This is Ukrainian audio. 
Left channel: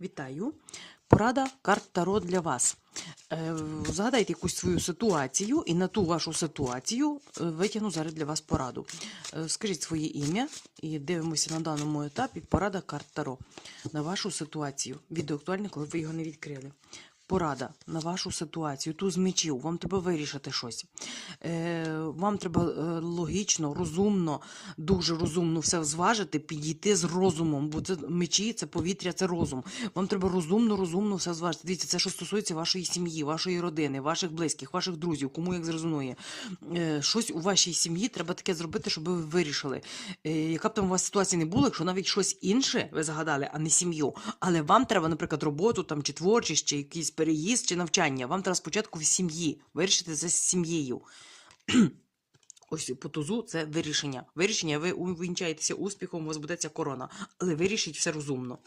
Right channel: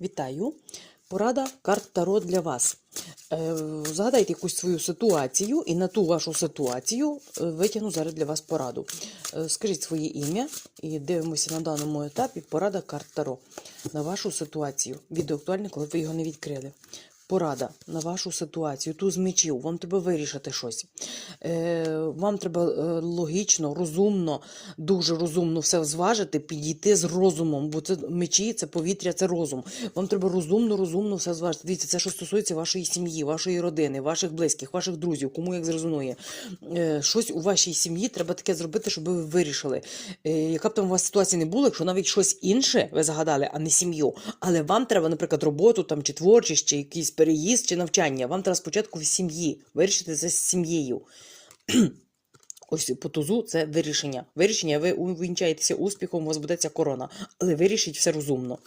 Вітаю! Порада карт Таро для вас. Е, Згадайте якусь свою ситуацію, і на ту вашу ситуацію е, витягну зараз для вас пораду. Е, Скажіть своє ім'я і дивимося на даному етапі порада карт Таро на вашу ситуацію. Відео актуальне, коли ви його не відкрили. Порада на вашу ситуацію. Ту з мечів, вам треба вирішити щось. Е, вам треба е, логічно, розумно, дуже розумно все зважити, підійти з розумом, бо це мечі, це повітря, це розум. Вам треба розумно, розумно все зважити. Дивіться, це що стосується вашої сім'ї, вашої родини, ваших близьких, ваших друзів, кому як зрезонує. Е, щось у вашій сім'ї треба таке зробити, щоб ви вирішили. Е, яка б там у вас ситуація не була, якщо навіть щось інше ви загадали, а не сім'ю. Але вам треба, наприклад, роботу там чи творчість, чи якийсь переїзд, чи навчання. Вам треба спочатку в сім'ї вирішити це з сім'єю. Ось по тузу це вирішення. Вирішення, ви увінчаєтеся успіхом, у вас будеться корона. Але вирішіть все розумно.